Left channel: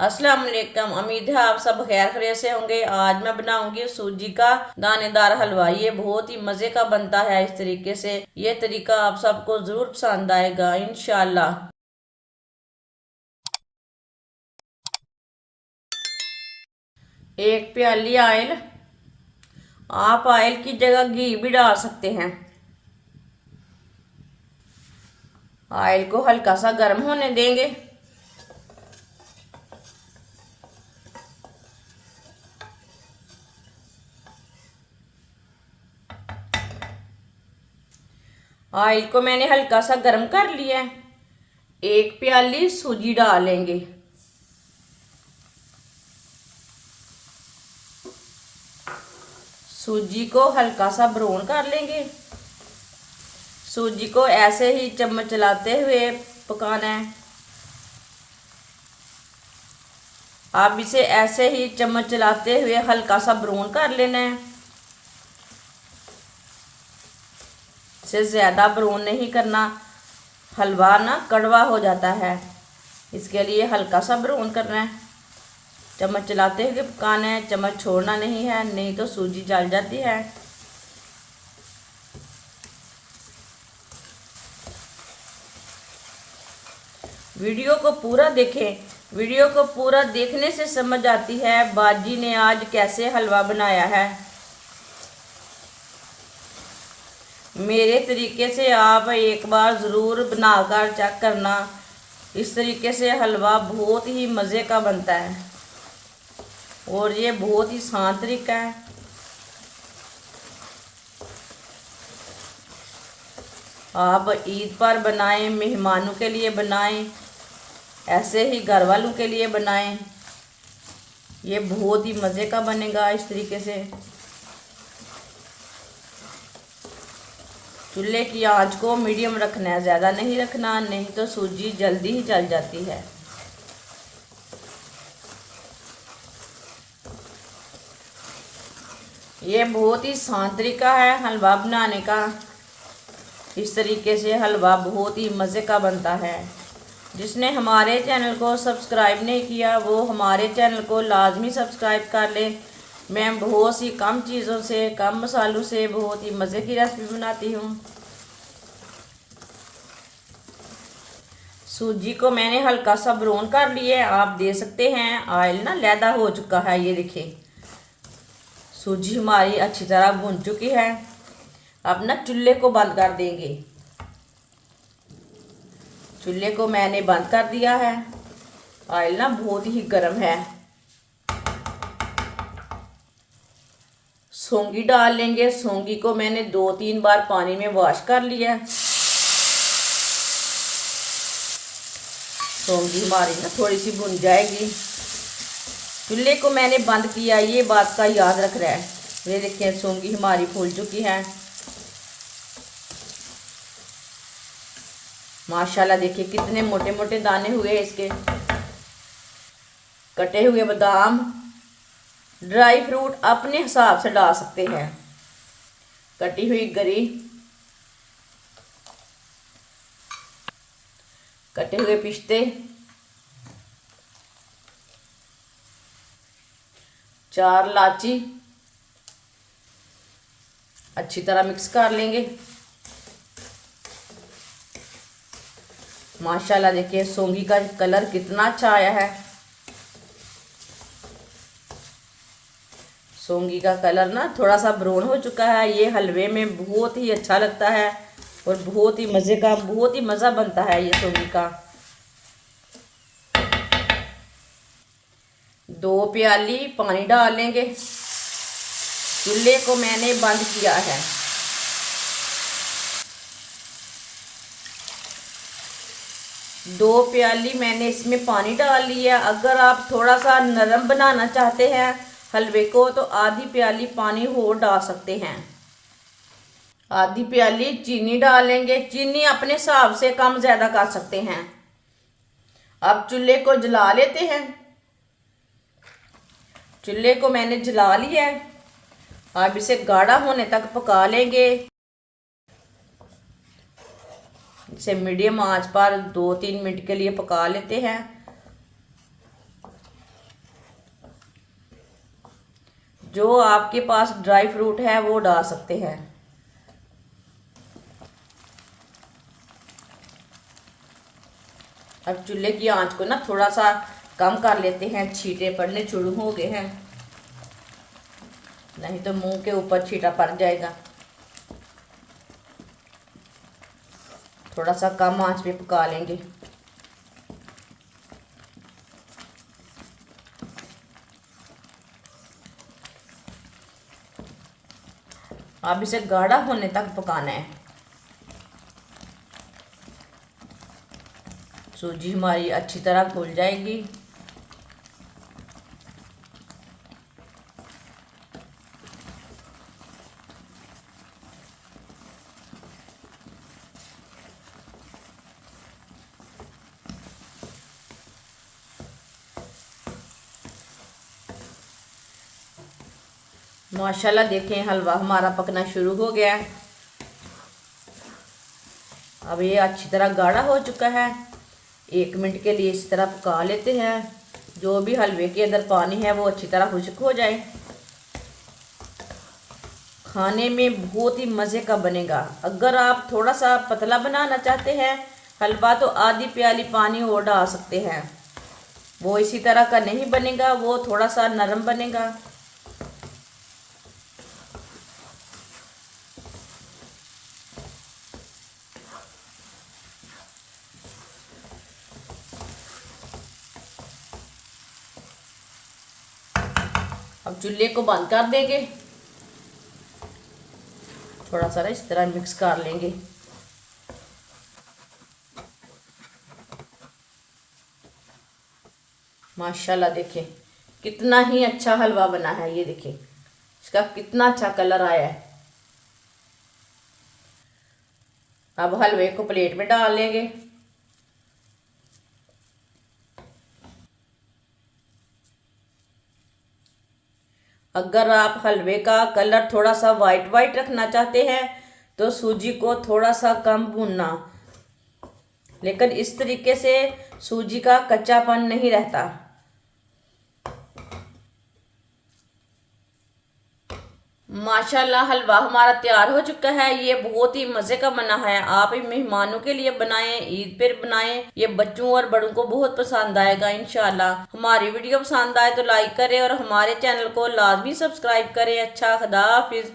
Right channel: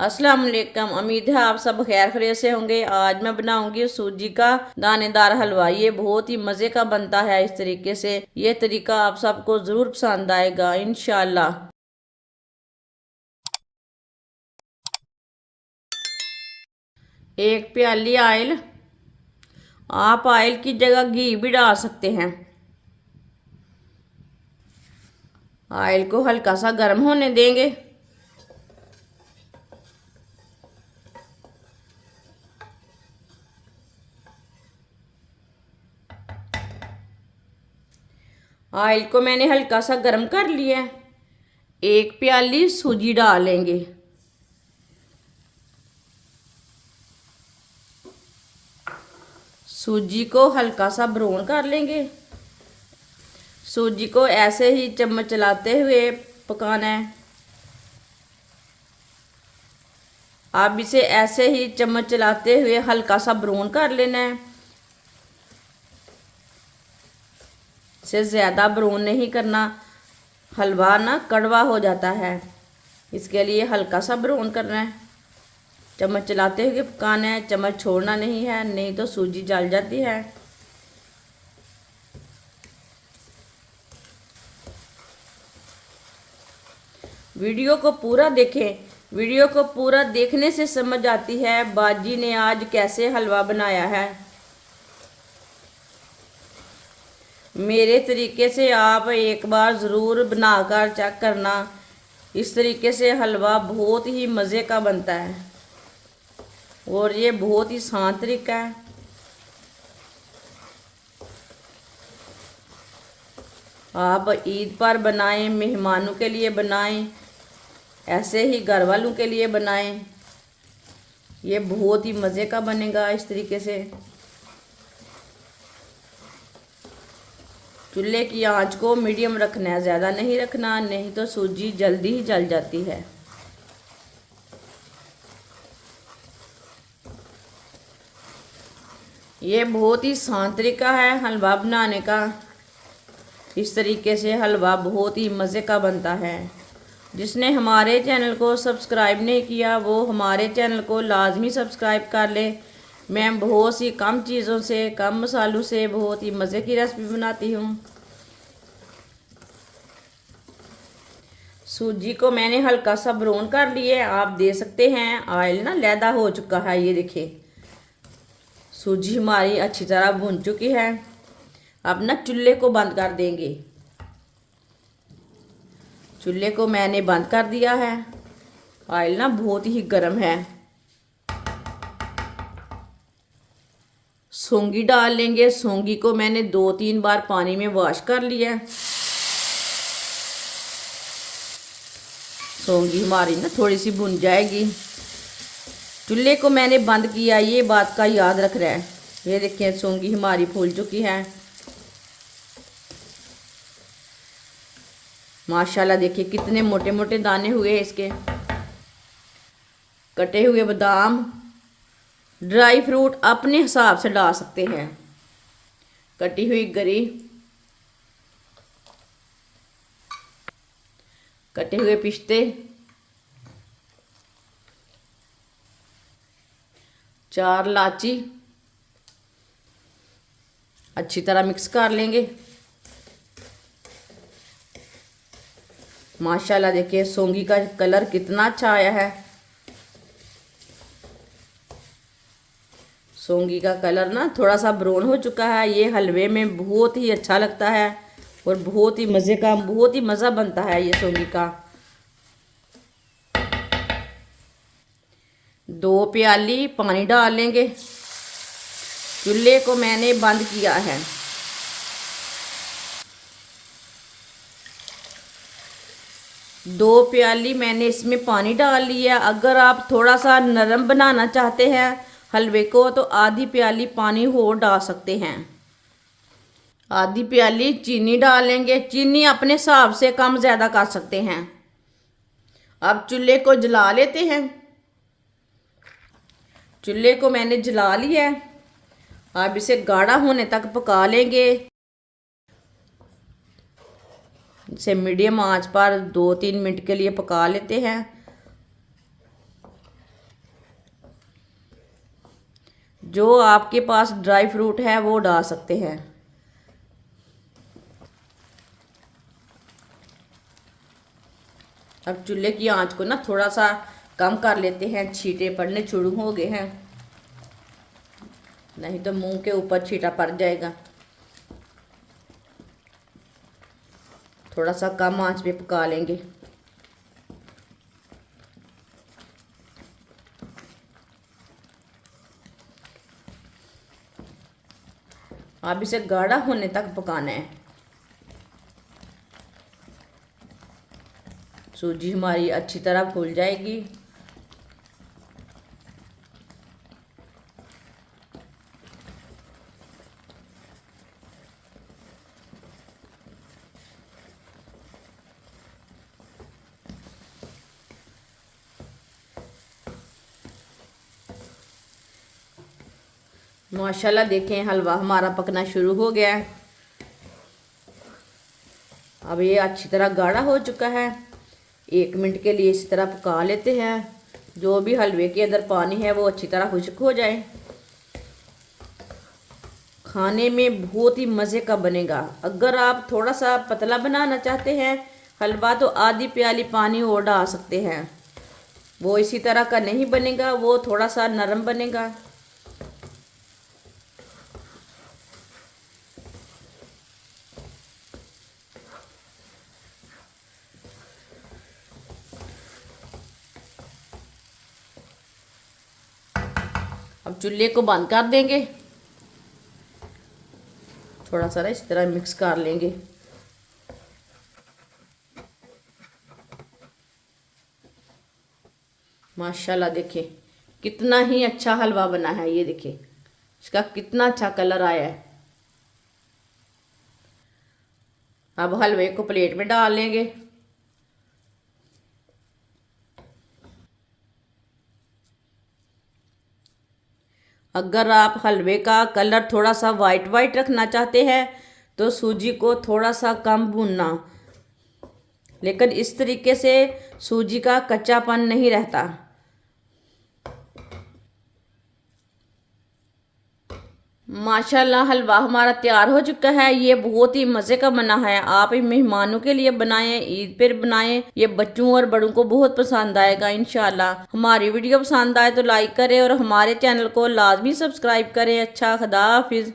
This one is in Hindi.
अस्सलाम वालेकुम। उम्मीद है आप सब खैर खैरियत से होंगे। आज मैं बनाऊंगी सूजी का दानेदार हलवा। ये बहुत ही मज़े का बनता है। इस तरीके से ये तरीका आप सबको ज़रूर पसंद आएगा इंशाल्लाह। एक प्याली ऑयल, आप ऑयल की जगह घी भी डाल सकते हैं। ऑयल को हल्का सा गर्म होने देंगे। ऑयल को मैंने हल्का सा गर्म कर लिया है। एक प्याली सूजी डालेंगे। सूजी को हल्का सा ब्राउन कर लेंगे। सूजी को ऐसे ही चम्मच चलाते हुए पकाना है। आप इसे ऐसे ही चम्मच चलाते हुए हल्का सा ब्राउन कर लेना है। इसे ज़्यादा ब्राउन नहीं करना, हलवा ना कड़वा हो जाता है। इसके लिए हल्का सा ब्राउन करना है। चम्मच चलाते हुए पकाना है, चम्मच छोड़ना नहीं है, नहीं तो सूजी जल जाती है। वीडियो को पूरा देखें। वीडियो को पूरा देखने से समझ आती है बाजी ने आज कैसे हलवा बनाया है। मेरे तरीके से आप एक बार ज़रूर बनाकर चेक करना। इस तरीके से हलवा बहुत ही मज़े का बनता है और ये बहुत ही आसान तरीका है। आप ईद पर बनाएं, मेहमानों के लिए बनाएं, ऐसे ही घर वालों के लिए बनाएं। ये बहुत ही मज़े का बनेगा इस तरीके से। चूल्हे की आंच को मीडियम रखना है, ज़्यादा नहीं रखना, नहीं तो सूजी जल्दी ही जल जाती है। ये बहुत ही आसान तरीका है हलवा बनाने का। इस तरीके से हलवा बहुत ही मज़े का बनता है। जिसने हमारे चैनल को सब्सक्राइब नहीं किया वो हमारे चैनल को लाजमी सब्सक्राइब कर ले। मैं बहुत सी कम चीज़ों से, कम मसालों से बहुत ही मज़े की रेसिपी बनाती हूँ। सूजी को मैंने हल्का सा ब्राउन कर लिया है। आप दे सकते हैं ऑयल ना लैदा हो चुका है। ये देखिए सूजी हमारी अच्छी तरह भुन चुकी है। अब ना चूल्हे को बंद कर देंगे। चूल्हे को मैंने बंद कर दिया है। ऑयल ना बहुत ही गर्म है। सौंगी डाल लेंगे। सौंगी को मैंने 2-3 बार पानी में वॉश कर लिया। सौंगी हमारी ना थोड़ी सी भुन जाएगी। चूल्हे को मैंने बंद किया, ये बात का याद रख रहा है। ये देखिए सौंगी हमारी फूल चुकी है माशाल्लाह। देखिए कितने मोटे मोटे दाने हुए हैं इसके। कटे हुए बादाम, ड्राई फ्रूट अपने हिसाब से डाल सकते हैं। कटी हुई गरी, कटे हुए पिस्ते, 4 इलायची। अच्छी तरह मिक्स कर लेंगे। माशाल्लाह देखिए सौंगी का कलर कितना अच्छा आया है। सौंगी का कलर ना थोड़ा सा ब्राउन हो चुका है। ये हलवे में बहुत ही अच्छा लगता है और बहुत ही मज़े का, बहुत ही मज़ा बनता है ये सौंगी का। 2 प्याली पानी डाल लेंगे। चूल्हे को मैंने बंद किया है। दो प्याली मैंने इसमें पानी डाल लिया। अगर आप थोड़ा सा नरम बनाना चाहते हैं हलवे को तो आधी प्याली पानी और डाल सकते हैं। आधी प्याली चीनी डालेंगे। चीनी अपने हिसाब से कम ज़्यादा कर सकते हैं। अब चूल्हे को जला लेते हैं। चूल्हे को मैंने जला लिया है। अब इसे गाढ़ा होने तक पका लेंगे। इसे मीडियम आंच पर 2-3 मिनट के लिए पका लेते हैं। जो आपके पास ड्राई फ्रूट है वो डाल सकते हैं। अब चूल्हे की आंच को ना थोड़ा सा कम कर लेते हैं, छींटे पड़ने शुरू हो गए हैं, नहीं तो मुंह के ऊपर छींटा पड़ जाएगा। थोड़ा सा कम आंच पे पका लेंगे। अब इसे गाढ़ा होने तक पकाना है। सूजी हमारी अच्छी तरह फूल जाएगी। माशाल्लाह देखें हलवा हमारा पकना शुरू हो गया है। अब ये अच्छी तरह गाढ़ा हो चुका है। 1 मिनट के लिए इस तरह पका लेते हैं, जो भी हलवे के अंदर पानी है वो अच्छी तरह खुश्क हो जाए। खाने में बहुत ही मज़े का बनेगा। अगर आप थोड़ा सा पतला बनाना चाहते हैं हलवा तो आधी प्याली पानी और डाल सकते हैं। वो इसी तरह का नहीं बनेगा, वो थोड़ा सा नरम बनेगा। अब चूल्हे को बंद कर देंगे। थोड़ा सा इस तरह मिक्स कर लेंगे। माशाल्लाह देखिए कितना ही अच्छा हलवा बना है। ये देखिए इसका कितना अच्छा कलर आया है। अब हलवे को प्लेट में डाल लेंगे। अगर आप हलवे का कलर थोड़ा सा वाइट वाइट रखना चाहते हैं तो सूजी को थोड़ा सा कम भूनना, लेकिन इस तरीके से सूजी का कच्चापन नहीं रहता। माशाल्लाह हलवा हमारा तैयार हो चुका है। ये बहुत ही मज़े का बना है। आप इन मेहमानों के लिए बनाएं, ईद पर बनाएं। ये बच्चों और बड़ों को बहुत पसंद आएगा इंशाल्लाह। हमारी वीडियो पसंद आए तो लाइक करें और हमारे चैनल को लाजमी सब्सक्राइब करें। अच्छा, खुदा हाफिज।